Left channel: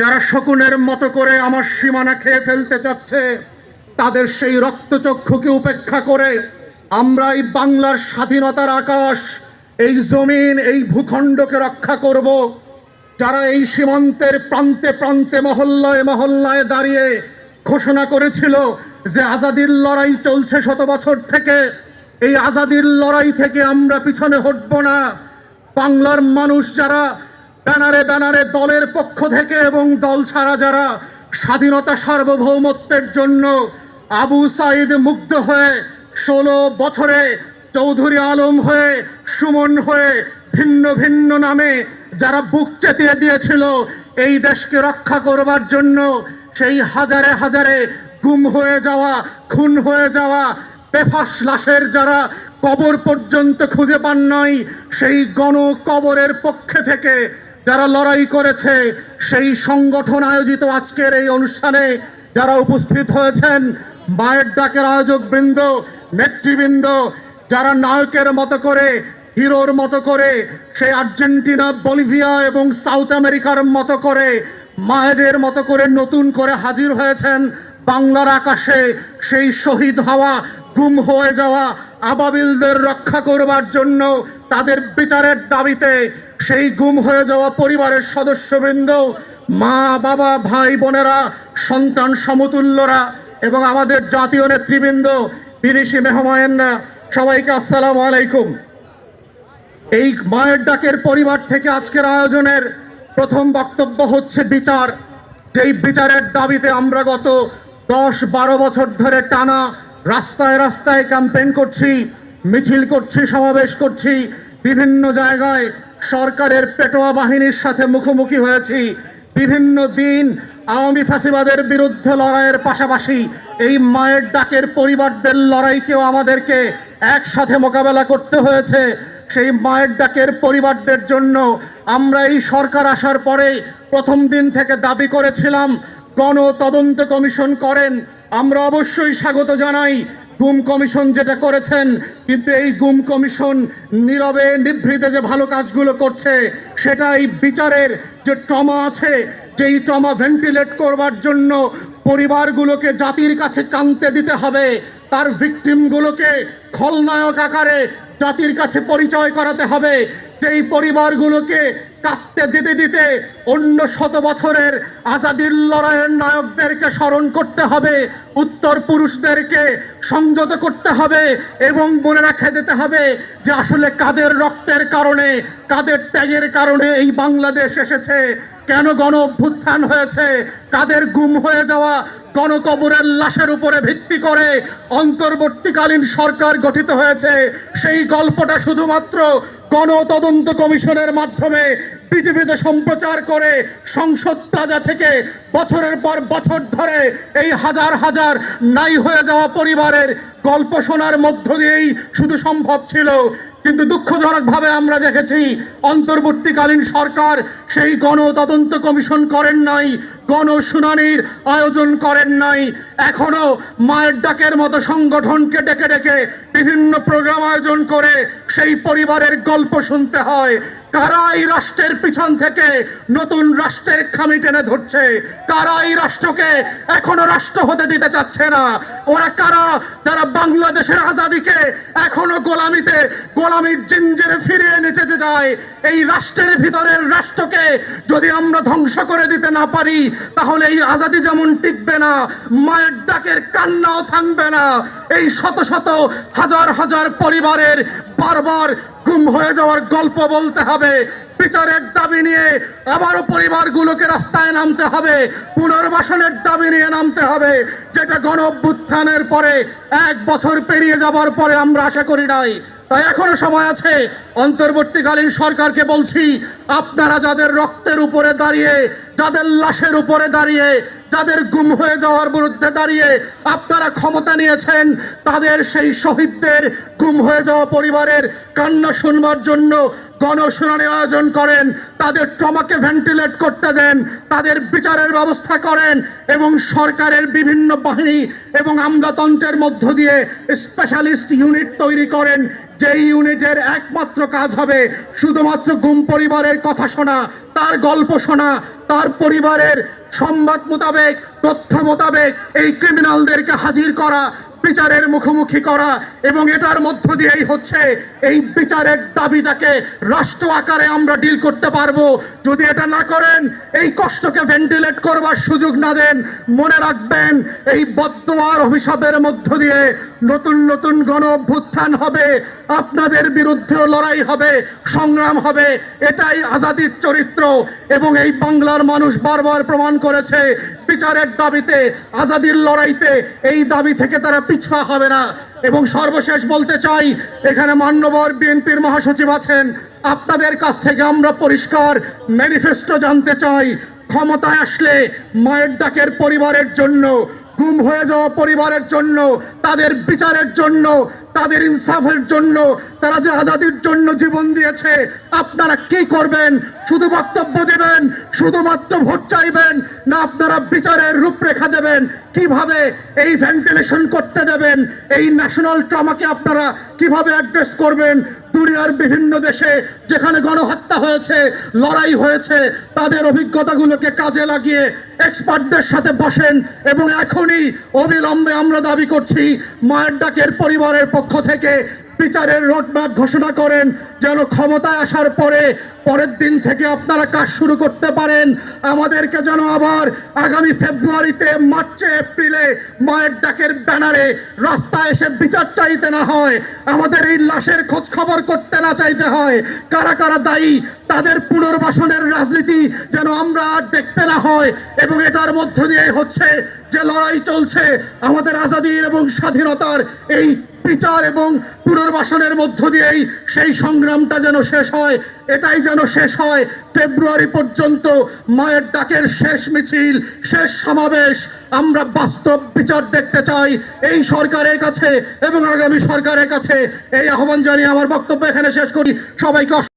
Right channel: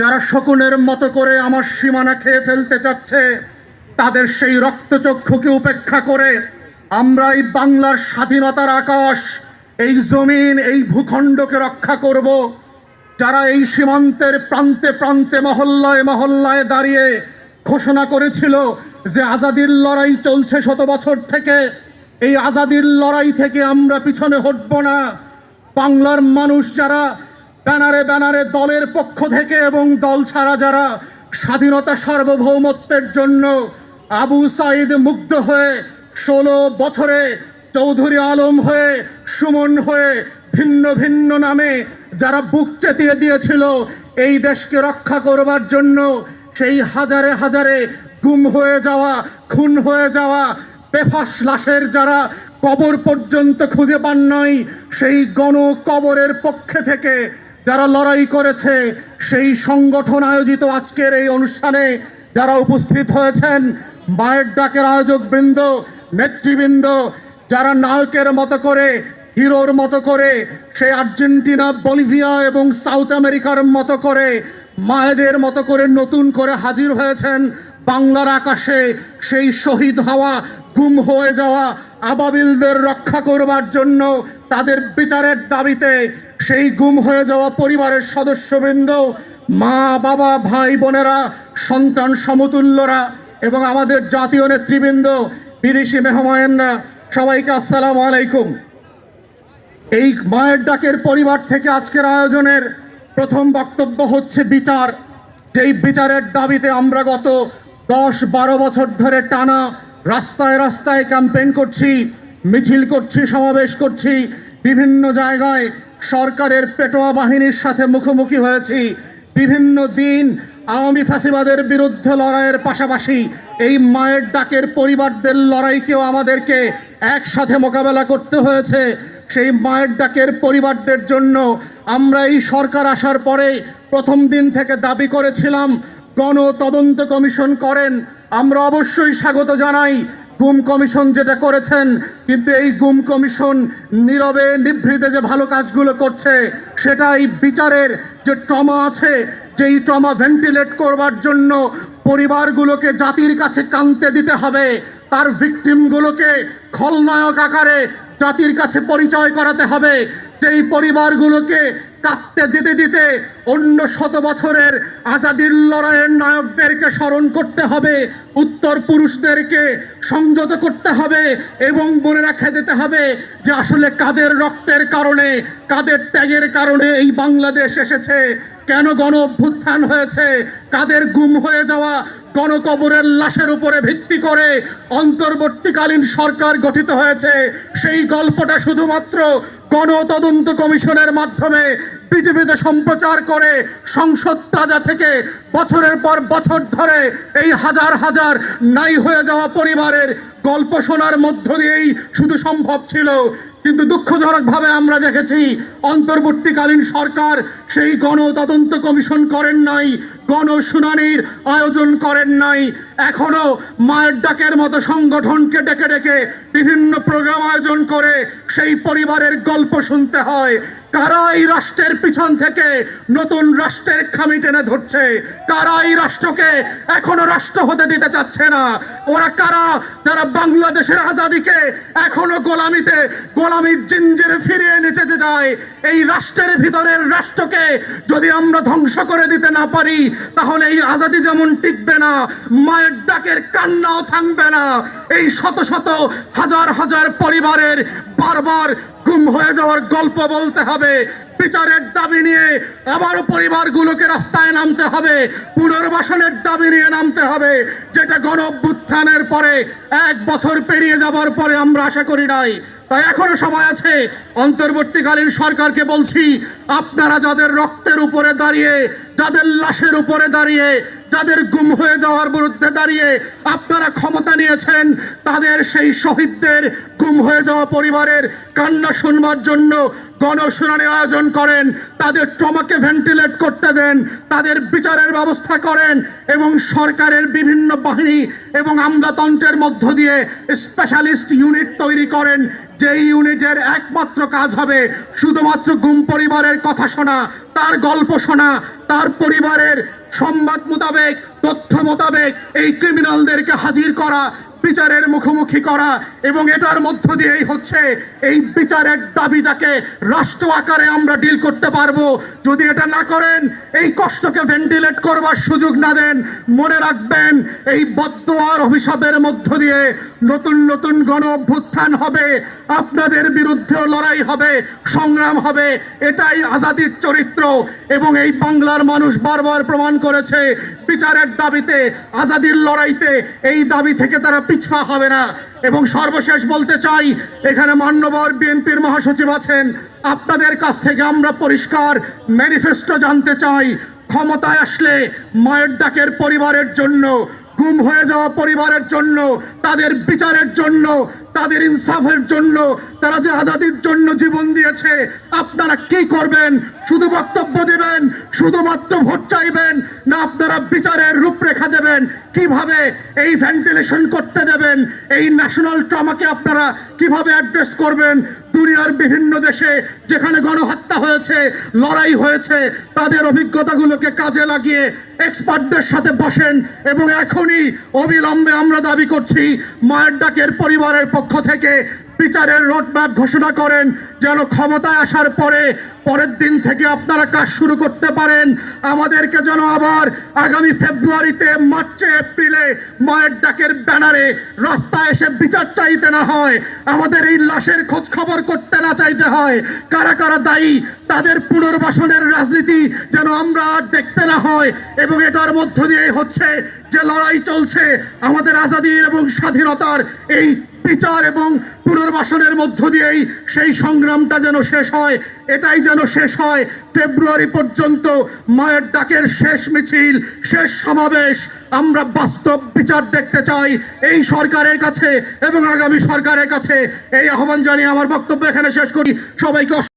যারা শকুনের মতো করে আমার সীমানা খেয়ে ফেলতে চাচ্ছে, তাদের সেই রক্তচক্ষুকে উপেক্ষা করে আমরা এই বাংলার স্বাধীনতার আকাশ, এই জমিন, এই ভূখণ্ডকে রক্ষা করব। যারা এই সীমান্তের প্রান্তে প্রান্তে মহল্লায় মহল্লায় দাঁড়িয়ে ঘোষণা করেছিল যে আজাদির লড়াই চলছে শত বছর থেকে, এই আজাদির লড়াই থেকে আমরা পিছনে হটব না। বাংলার মানুষ যারা ব্যানারে ব্যানারে দলের পক্ষ থেকে এবং দল ছাড়া যারা স্বাধীনতা সার্বভৌমত্বের জন্য আবু সাইদ মুগ্ধ হয়ে 16 বছরে চৌধুরী আলম হয়ে, সুমন হয়ে, ভিন্ন ভিন্ন নামে যারা বুক চেতিয়ে দিয়েছিল এই দেশকে রক্ষা করবার জন্য, সেই হাজারে হাজারে গুম হয়ে যাওয়া, খুন হয়ে যাওয়া বেফাস লাশের যারা কবর পর্যন্ত খুঁজে পান নাই, সেই গণ কবরের পক্ষে থেকে যারা লড়াই করেছে, সেই সংগঠন আয়োজিত আজকের এই অনুষ্ঠানে যারা উপস্থিত হয়েছেন, মায়ের ডাকের আয়োজক বৃন্দ, নেতৃবৃন্দ, যারা নায়কের মতো করে, হিরোর মতো করে সেই আর্জেন্টিনা, বলিভিয়া এবং সাউথ আমেরিকার মতো করে, মায়েদের মতো করে নতুন করে হাজির হয়েছেন বাংলার আকাশে, সেই শহীদ হওয়া, গুম হয়ে যাওয়া আবাবিলদের রক্ষা করবার জন্য, তাদের বিচারের দাবিতে, সেই গুম হয়ে যাওয়া পরিবারের সদস্যবৃন্দ, মা বাবা ভাই বোনেরা, সন্তান সমতুল্যরা এবং আমাদের জাতীয় নেতৃবৃন্দ, বিদেশি মেহমানরা, সবাইকে আসসালামু আলাইকুম। এই মায়ের ডাকের পরিবার থেকে আজকের আয়োজনের প্রথম বক্তব্য হচ্ছে বিচার। যেই বিচারের দাবিতে আমরা গত 10-12 বছর ধরে টানা রাস্তায় রাস্তায় ক্যাম্পেইন করছি, মিছিল করছি, সমাবেশ করছি, বিভিন্ন জায়গায় সরকারের পেটোয়া বাহিনীর সাথে মুখোমুখি হয়েছি, বিভিন্ন দিন আওয়ামী ফ্যাসিবাদের বিরুদ্ধে লড়াইয়ের পাশাপাশি এই মায়ের ডাকের পরিবারদের লড়াইকেও আমাদেরকে একসাথে মোকাবেলা করতে হয়েছে। সেই মায়ের ডাকের পরিবারদের জন্য আমরা এই সরকার আসার পরে প্রথম দিন থেকে দাবি করেছিলাম গণ তদন্ত কমিশন করেন। আমরা অবশ্যই স্বাগত জানাই গুম কমিশন যেটা করেছেন, কিন্তু এই গুম কমিশন নীরবে নিভৃতে যে ভালো কাজগুলো করছে, সেটা এই বিচারের যে ট্রমা আছে, যেই ট্রমা ভেন্টিলেট করবার জন্য পরিবারগুলোকে জাতির কাছে কাঁদতে দিতে হবে, তার ভিকটিমগুলোকে খলনায়ক আকারে জাতির কাছে পরিচয় করাতে হবে, যেই পরিবারগুলোকে কাঁদতে দিতে দিতে অন্য 100 বছরের আজাদির লড়াইয়ের নায়কদেরকে স্মরণ করতে হবে, উত্তর পুরুষদেরকে সংযত করতে হবে এবং মনে রাখে দিতে হবে যে আসলে কাদের রক্তের কারণে, কাদের ত্যাগের কারণে এই বাংলাদেশ এসেছে, কেন গণ অভ্যুত্থান হয়েছে, কাদের গুম হয়ে যাওয়া গণকবরের লাশের উপরে ভিত্তি করে অন্তর্বর্তীকালীন সরকার গঠিত হয়েছে। সেই গল্পটা শুধুমাত্র গণ তদন্ত কমিশনের মাধ্যমে পৃথিবীতে সম্প্রচার করে সংসদ প্লাজা থেকে বছরের পর বছর ধরে এই হাজার হাজার নাই হয়ে যাওয়া পরিবারের গল্প শোনার মধ্য দিয়েই শুধু সম্ভব ছিল। কিন্তু দুঃখজনকভাবে আমরা দেখেছি অন্তর্বর্তীকালীন সরকার সেই গণ তদন্ত কমিশন করেন নাই, গণশুনানির আয়োজন করেন নাই। এখনো মায়ের ডাকের মতো সংগঠনকে ডেকে ডেকে বিভিন্ন প্রোগ্রাম আয়োজন করে সেই পরিবারের গল্প শুনতে হয়। কারা এই রাষ্ট্রের পিছন থেকে নতুন রাষ্ট্রের খামি টেনে ধরছে, কারা এই রাষ্ট্রকে এখনো রাষ্ট্র হতে দিতে চাচ্ছে না, ওরা কারা যারা বাংলাদেশের আজাদিকে এখনো গোলামির জিঞ্জিরে ফিরিয়ে নিতে যায়। এই রাষ্ট্রের ভিতরের রাষ্ট্রকে যদি আমরা ধ্বংস করে দিতে না পারি, তাহলে এই আজাদি যেমন টিকবে না, মায়ের ডাকের কান্নাও থামবে না। এই শত শত হাজার হাজার পরিবারের বারবার গুম হয়ে যাওয়ার গল্প বলতে হবে, বিচারের দাবি নিয়ে আবারও পরিবারগুলোকে রাস্তায় নামতে হবে, পুনর্বাসনের দাবি নিয়ে নামতে হবে, যেটা গণ অভ্যুত্থানের পরে 1 বছর পেরিয়ে যাবার পরে আমরা আশা করি নাই। তাই এখনো সময় আছে। অন্তর্বর্তীকালীন সরকারকে বলছি, আপনারা যাদের রক্তের উপরে দাঁড়িয়ে, যাদের লাশের উপরে দাঁড়িয়ে, যাদের গুম হয়ে যাওয়ার বিরুদ্ধে দাঁড়িয়ে আপনারা ক্ষমতা নিয়েছেন, তাদের সেই শহীদদের গুম হয়ে যাওয়া পরিবারের কান্না শুনবার জন্য গণশুনানির আয়োজন করেন, তাদের ট্রমাকে ভেন্টিলেট করতে দেন, তাদের বিচারের ব্যবস্থা করেন এবং সরকারের বিভিন্ন বাহিনী এবং আমলাতন্ত্রের মধ্য দিয়ে স্পেশালিস্ট ইউনিট তৈরি করেন, যেই ইউনিটের একমাত্র কাজ হবে শুধুমাত্র গুম পরিবারের কথা শোনা, তার গল্প শোনা, তার পরিবারের সংবাদ মোতাবেক, তথ্য মোতাবেক এই ক্রিমিনালদেরকে হাজির করা, বিচারের মুখোমুখি করা এবং এটার মধ্য দিয়েই হচ্ছে এই বিচারের দাবিটাকে রাষ্ট্র আকারে আমরা ডিল করতে পারবো। যদি এটা না করেন, এই কষ্টকে ভেন্টিলেট করবার সুযোগ না দেন, মনে রাখবেন এই বদ্দোয়ার অভিশাপের মধ্য দিয়ে নতুন নতুন গণ অভ্যুত্থান হবে, আপনাদের বিরুদ্ধে লড়াই হবে, সংগ্রাম হবে। এটাই আজাদির চরিত্র এবং এই বাংলার মানুষ বারবার প্রমাণ করেছে বিচারের দাবিতে, আজাদির লড়াইতে এই দাবি থেকে তারা পিছপা হবে না। এবং সর্বশেষ বলতে চাই, এখানে মান্যবর বিএনপির মহাসচিব আছেন, আপনাদের কাছ থেকে আমরা পরিষ্কার ম্যানিফেস্টো জানতে চাই। ক্ষমতায় আসলে মায়ের ডাকের পরিবারের জন্য, গুম হয়ে যাওয়া পরিবারের জন্য, তাদের বিচারের জন্য, তাদের ইনসাফের জন্য, তারা যে আজাদির জন্য জীবন দিয়েছে, আপনারা কি করবেন? শুধু বক্তব্য দেবেন, শুধুমাত্র ভোট চাইবেন, না আপনারা বিচারের রূপরেখা দেবেন? কিভাবে এই ভেন্টিলেশন করতে দেবেন? এই ন্যাশনাল ট্রমাকে আপনারা কিভাবে অ্যাড্রেস করবেন? দুনিয়ার বিভিন্ন দেশে যেখানে গণহত্যা হয়েছে, লড়াই হয়েছে, তাদের অভিজ্ঞতাগুলোকে কাজে লাগিয়ে এক্সপার্টদের সাথে বসেন এবং এখনই অবিলম্বে আমরা দাবি করছি মায়ের ডাকের পরিবারের পক্ষ থেকে বিচারের রোডম্যাপ ঘোষণা করেন, যেন ক্ষমতায় আসার পরের দিন থেকে আপনারা কাজ শুরু করতে পারেন। আমাদেরকে যেন আবার আগামী ফেব্রুয়ারিতে, মার্চে, এপ্রিলে মায়ের ডাকের ব্যানারে রাস্তায় এসে বিচার চাইতে না হয়, আমাদের এই লাশের খোঁজ খবর করতে না চাইতে হয়। কারা কারা দায়ী, তাদের পুনর্বাসনের রাজনীতি যেন আমরা আর দেখতে না হয়। এবং এটার মধ্য দিয়ে হচ্ছে যে লড়াই চলছে আমাদের আজাদির এবং স্বাধীনতার, এই বিচার এবং পুনর্বাসনের মধ্য দিয়েই সেই সংগ্রামটা যেন শেষ হয়, এটাই যেন শেষ হয়। ফেব্রুয়ারি পর্যন্ত মায়ের ডাকের শেষ মিছিল, শেষ সমাবেশ, আমরা বাস্তব বিচার দেখতে চাই এই সরকারের কাছে এবং আগামী সরকারের কাছে। এই আহ্বান জানিয়ে আমার বক্তব্য এখানে শেষ করি। সবাইকে